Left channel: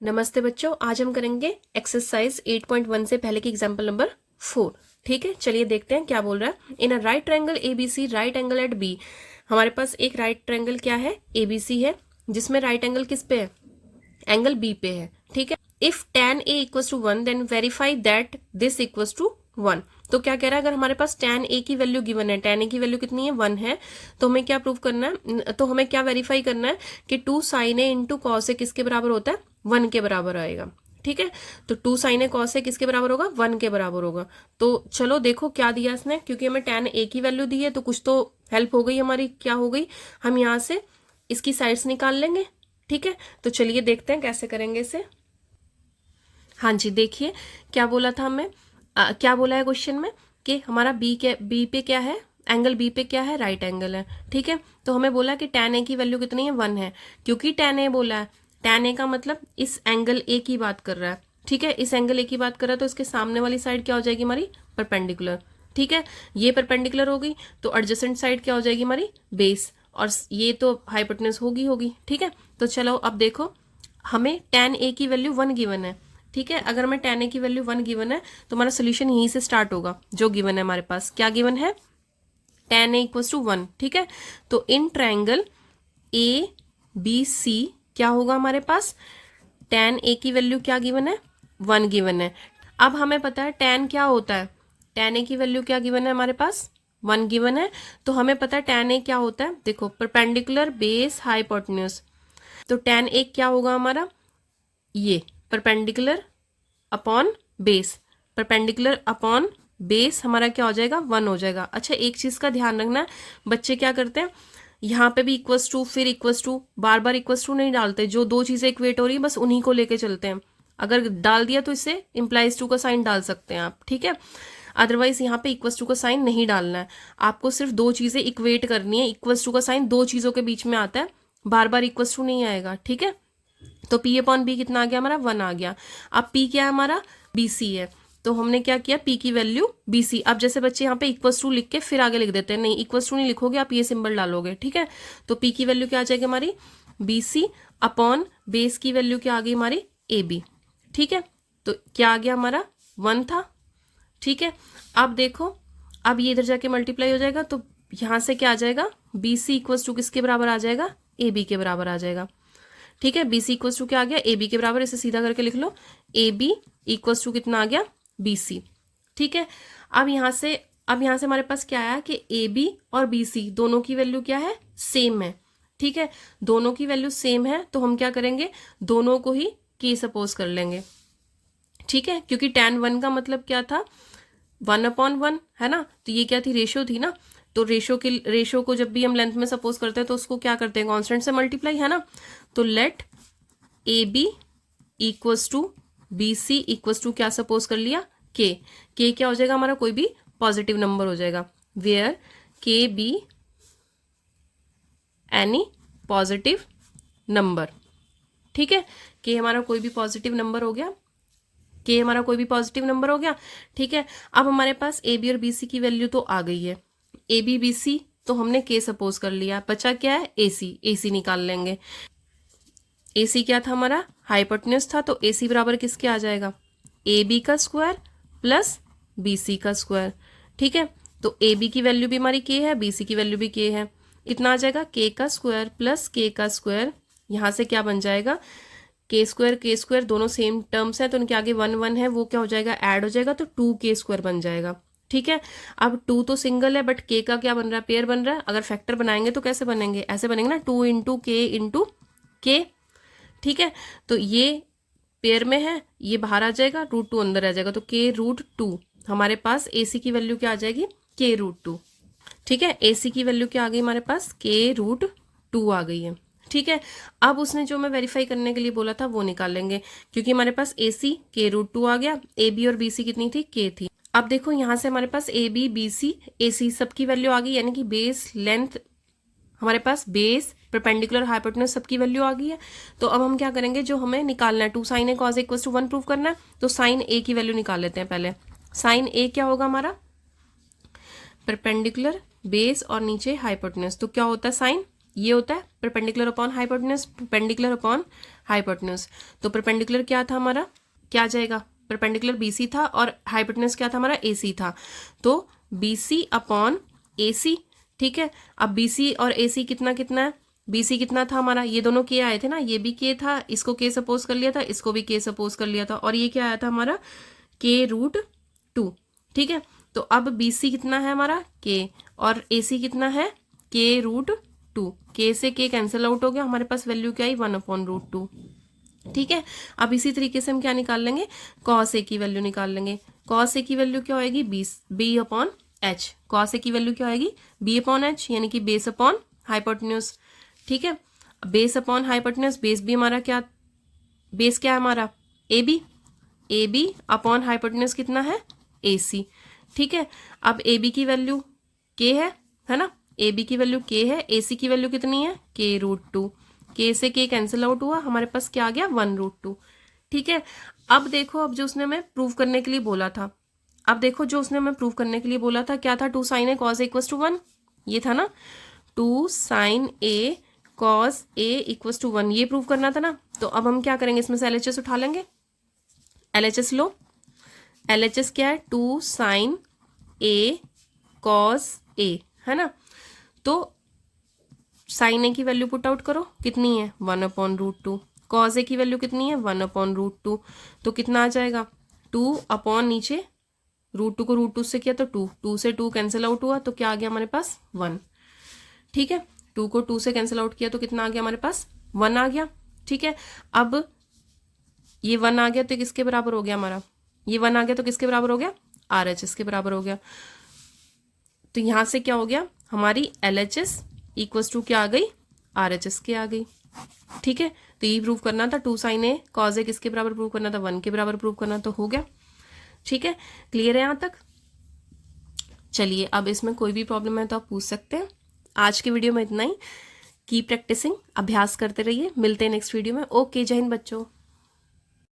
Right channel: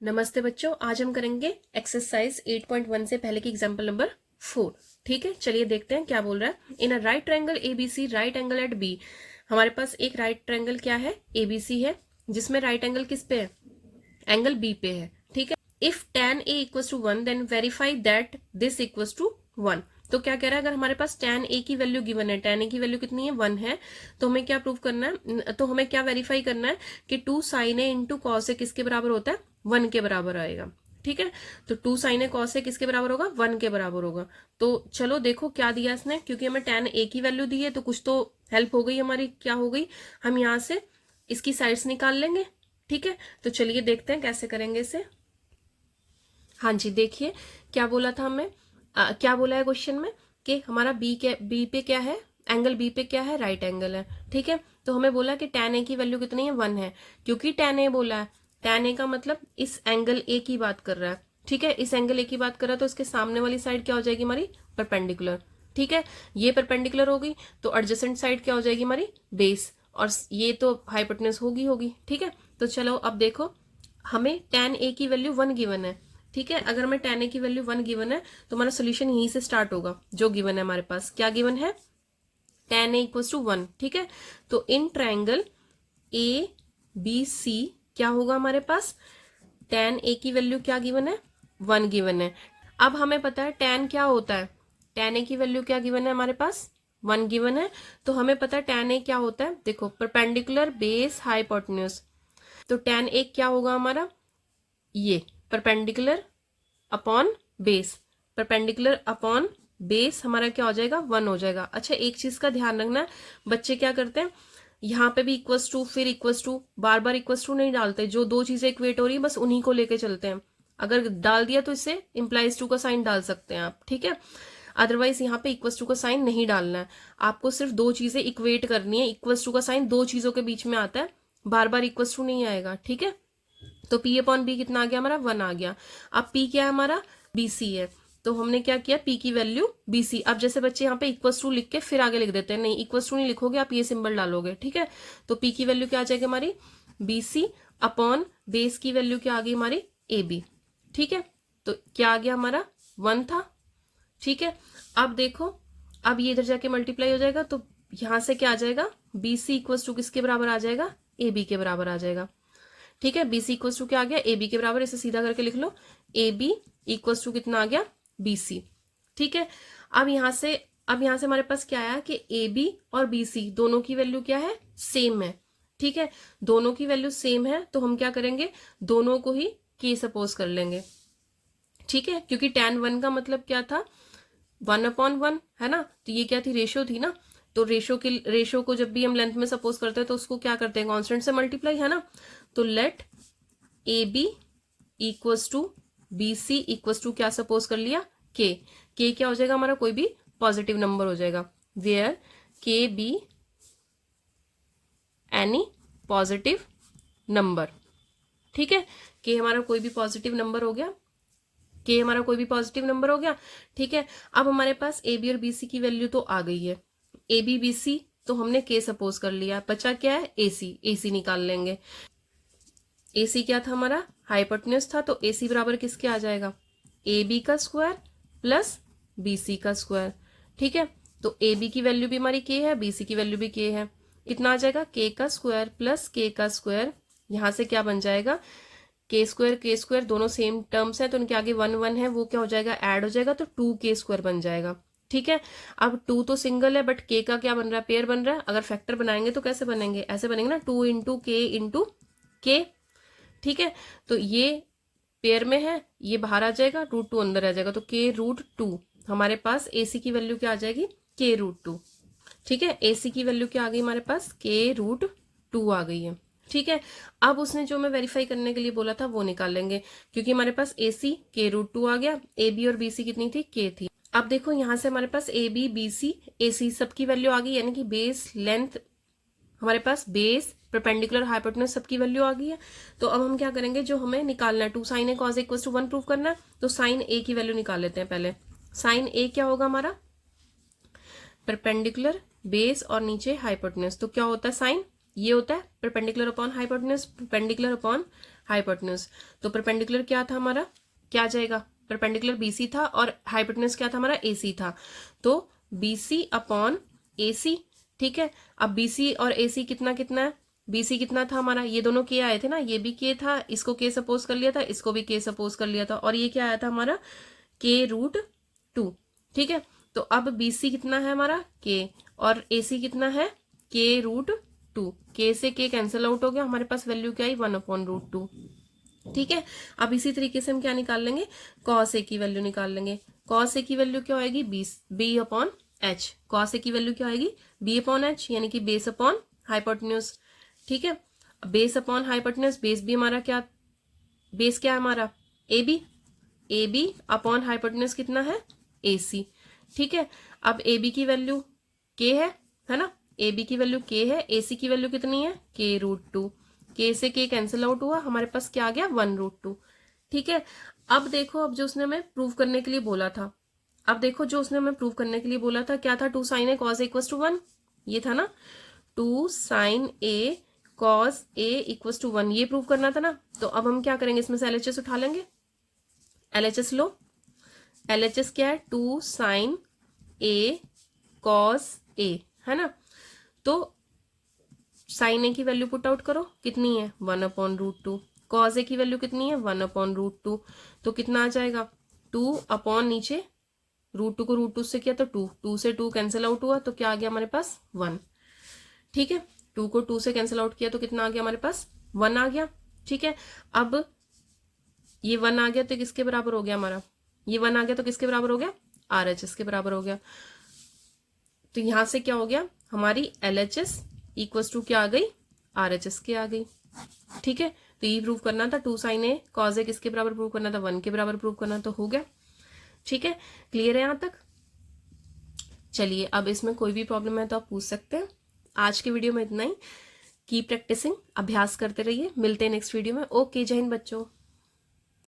नमस्ते बच्चों, आज हम करेंगे एक्सरसाइज 8.1 से पहले की एग्जाम्पल नंबर 4। ठीक है, चलिए देखते हैं क्या बोल रहा है। In a right triangle ABC, right angle at B. हमारे पास एक राइट ट्रायंगल क्या है, एबीसी है, जिसमें राइट एंगल किस पे है, एंगल बी पे है। ठीक है, if tan a equals to 1 then verify that this equals to 1। तो क्या कह रहा है, अगर हमारे पास tan a की वैल्यू गिवन है, tan a की वैल्यू कितनी है, 1 है, तो हमें क्या प्रूव करना है, तो हमें क्या वेरीफाई करना है कि 2 sin a into cos A किसके बराबर होता है, 1 के बराबर आएगा। ठीक है, तो 2 sin a cos a किसके बराबर होगा, 1 के बराबर होगा। तो चलो देखो क्या दिया इसने, क्योंकि हमें tan a की वैल्यू दी है तो कुछ तो हेल्प हो गई हमारी। क्या हो गई, हम यहाँ से इसकी साइड्स निकाल लेंगे। ठीक है, तो चलिए देखते हैं कैसे करेंगे इसे। हाँ जी, देखिए क्या बोला था हमें, क्या बोला है क्वेश्चन में कि हमारा बी पे क्या है, एंगल बी पे क्या है, राइट एंगल है। ठीक है, तो हमें बोला कि tan ए की वैल्यू कितनी है, 1 है। क्योंकि tan ए बोला है, tan ए का मतलब इस एंगल ए की बात कर रहा है। ठीक है, इस एंगल ए की बात कर रहा है, तो इसके सामने वाली साइड क्या हो जाएगी हमारी, परपेंडिकुलर। ठीक है, ये परपेंडिकुलर हो गई, तो एडजेसेंट साइड क्या हो जाएगी हमारी, बेस, और ये तो हाइपोटेन्यूज होगी। ठीक है, तो चलो अब देखो, हमें tan ए की वैल्यू 1 गिवन है। ठीक है, अगर हमें tan a की वैल्यू 1 गिवन है तो हमारा सोल्यूशन यहीं से स्टार्ट होगा। जो गिवन है हमारे पास, क्या गिवन है, tan a इक्वल्स टू 1। ठीक है, तो in triangle A B C क्या होगा हमारे पास, tan a की वैल्यू क्या गिवन है, 1 गिवन है। अब हमें पता है tan क्या होता है, tan a की वैल्यू क्या गिवन है हमारे पास, 1 गिवन है। तो हमें पता है tan a क्या होता है, देखो परपेंडिकुलर बेस हाइपोटेन्यूज। तो tan a क्या होगा हमारा, ये perpendicular upon base, perpendicular upon base हमारा क्या हो जाएगा, 1 हो जाएगा। अच्छा, एक चीज का ध्यान रखना, बच्चे क्या करते हैं, यहाँ पे भी इक्वल्स टू फिर इक्वल्स टू, बार बार इक्वल्स टू नहीं डालते। जो दो चीजें इक्वेट हो रही है बस उन्हीं को लेके चलते हैं। अगर डाल दिया तो इससे इंप्लाइज टू का साइन डाल सकते हैं आप। ठीक है, अदरवाइज यहाँ पे इक्वल्स टू का साइन नहीं डालना है। आपको सिर्फ दो चीजें इक्वेट करनी है। इक्वल्स टू का साइन दो चीजों के बीच में आता है, बार बार इक्वल्स टू नहीं आएगा। ठीक है, तो P अपॉन बी कितना आ गया हमारा, 1 आ गया। अब P क्या है हमारा, BC है, तो हमने क्या किया, P की वैल्यू BC। अब जैसे बच्चे यहाँ पे इक्वल्स टू लिख के फिर आगे लिख देते हैं, नहीं इक्वल्स टू नहीं लिखोगे, आप ये सिंबल डालोगे। ठीक है, तो P की वैल्यू क्या आ जाएगी हमारी, BC अपॉन बेस की वैल्यू क्या आ गई हमारी, AB। ठीक है, तो क्या आ गया हमारा, 1 था। ठीक है, अब देखो, अब ये इधर जाके मल्टीप्लाई हो जाएगा, तो यहाँ से क्या आ जाएगा, BC इक्वल्स टू किसके बराबर आ जाएगा, AB के बराबर आ जाएगा। ठीक है, BC इक्वल्स टू क्या आ गया, AB के बराबर। इसे सीधा करके लिख लो, AB इक्वल्स टू कितना आ गया, BC। ठीक है, अब यहाँ से हमारे पास क्या आया कि AB और BC दोनों की वैल्यू क्या है, सेम है। ठीक है, दोनों की वैल्यू सेम है, तो हम क्या करेंगे, दोनों को ही K सपोज कर लेंगे। ठीक है, क्योंकि tan 1 का मतलब क्या था, 1 अपॉन 1 है ना, तो ये क्या थी, रेशियो थी ना। तो रेशियो को जब भी हम लेंथ में सपोज करते हैं तो उसको क्या करते हैं, कांस्टेंट से मल्टीप्लाई, है ना। तो let AB equals to BC equals to क्या सपोज कर लिया, K। K क्या हो जाएगा हमारा, कोई भी पॉजिटिव नंबर हो जाएगा, where K be any positive number. ठीक है, K हमारा कोई भी पॉजिटिव नंबर हो गया, K हमारा कोई भी पॉजिटिव नंबर हो गया। ठीक है, अब हमारे पास AB और BC की वैल्यू तो आ गई है, AB BC तो हमने K सपोज कर लिया, बचा क्या है, AC निकाल लेंगे। AC क्या था हमारा, हाइपोटेन्यूज था, तो AC बराबर किसके आ जाएगा, AB का स्क्वायर प्लस BC का स्क्वायर। ठीक है, तो AB की वैल्यू भी हमारी K है, BC की वैल्यू भी K है। कितना आ जाएगा, K का स्क्वायर प्लस K का स्क्वायर, यहाँ से क्या बन जाएगा, K स्क्वायर दोनों सेम टर्म्स है, तो उनके आगे 1 1 है, वो क्या हो जाएगा, ऐड हो जाएगा, तो 2K स्क्वायर बन जाएगा। ठीक है, अब 2 तो सिंगल है, बट K का क्या बन रहा है, पेयर बन रहा है। अगर फैक्टर बनाएंगे तो कैसे बनेंगे, ऐसे बनेंगे ना, 2 इंटू K इंटू K। ठीक है, तो ये पेयर में है, ये बाहर आ जाएगा, √2 अंदर आ जाएगा, तो K√2 हमारे पास AC की वैल्यू क्या आ जाएगी, K√2। ठीक है, AC की वैल्यू क्या आ गई हमारे पास, K√2 आ गई है। ठीक है, अब उसने जो मैं वेरीफाई करने के लिए बोला था वो निकाल लेंगे, क्योंकि हमारे पास AC K√2 आ गया, AB और BC कितनी थी, K थी। अब देखो यहाँ से हमारे पास AB BC AC सबकी वैल्यू आ गई, यानी कि बेस लेंथ हमारे पास, बेस परपेंडिकुलर हाइपोटेन्यूज सबकी वैल्यू आ गई है। तो अब हम क्या करेंगे, जो हमें निकालना है 2 sin a cos a equals to 1 prove करना है, तो sin a की वैल्यू निकाल लेते हैं पहले। sin a क्या होगा हमारा, परपेंडिकुलर बेस और नीचे हाइपोटेन्यूज, तो क्या होता है साइन, ये होता है perpendicular upon hypotenuse, perpendicular upon hypotenuse. तो परपेंडिकुलर क्या था हमारा, क्या आ जाएगा, परपेंडिकुलर BC था और हाइपोटेन्यूज क्या था हमारा, AC था। तो BC अपॉन AC, ठीक है। अब BC और AC कितना कितना है, BC कितना था हमारा, ये दोनों के आए थे ना, ये भी के था, इसको के सपोज कर लिया था, इसको भी के सपोज कर लिया था, और ये क्या आया था हमारा k√2, ठीक है। तो अब BC कितना है हमारा k, और AC कितना है k√2, k से k कैंसिल आउट हो गया, हमारे पास वैल्यू क्या आई 1/√2, ठीक है। अब इसी तरीके से हम क्या निकाल लेंगे, cos A की वैल्यू निकाल लेंगे। cos A की वैल्यू क्या होगी, B/h। cos A की वैल्यू क्या होगी, B/h, यानी कि बेस अपॉन हाइपोटेन्यूज, ठीक है। बेस अपॉन हाइपोटेन्यूज, बेस भी हमारा क्या, बेस क्या है हमारा AB अपॉन हाइपोटेन्यूज कितना है AC, ठीक है। अब AB की वैल्यू k है ना, AB की वैल्यू k है, AC की वैल्यू कितनी है k√2, k से k कैंसिल आउट हुआ, हमारे पास क्या आ गया 1√2, ठीक है। अब देखो, अब जो उसने हमें प्रूव करने के लिए बोला था, अब देखो जो उसने हमें प्रूव करने के लिए बोला था क्या था, 2 sin A cos A = 1, ये था ना, 2 sin A cos A = 1, ये प्रूव करना था ना। तो अब हम क्या करेंगे, इसमें से LHS उठा लेंगे, LHS लो, LHS क्या है 2 sin A cos A, है ना। तो sin A की वैल्यू पुट आउट करो, कितनी है 1/√2, cos A की वैल्यू कितनी है 1/√2, तो कितना आ जाएगा 2 अपॉन नीचे √2 को √2 से किया तो 2 से 2 कैंसिल आउट हुआ, तो क्या आ गया हमारे पास 1, ठीक है। 2 को 2 से कैंसिल आउट किया तो कितना आ गया हमारे पास 1 आ गया, ठीक है। अब ये 1 आ गया तो किसके बराबर हो गया हमारा, ये 1 आ गया तो किसके बराबर हो गया, RHS के बराबर हो गया। तो यहां से क्या हो गया, हमारी LHS = क्या आ गई, RHS के आ गई, ठीक है। तो ये प्रूव करना था, 2 sin A cos A किसके बराबर प्रूव करना था, 1 के बराबर प्रूव करना, तो हो गया, ठीक है। क्लियर है यहां तक। चलिए, अब इसमें कोई भी प्रॉब्लम है तो आप पूछ सकते हैं। आज की वीडियो में इतना ही, की प्रैक्टिसिंग, अभ्यास करते रहिए, मिलते हैं नेक्स्ट वीडियो में। ओके, जय हिंद बच्चों।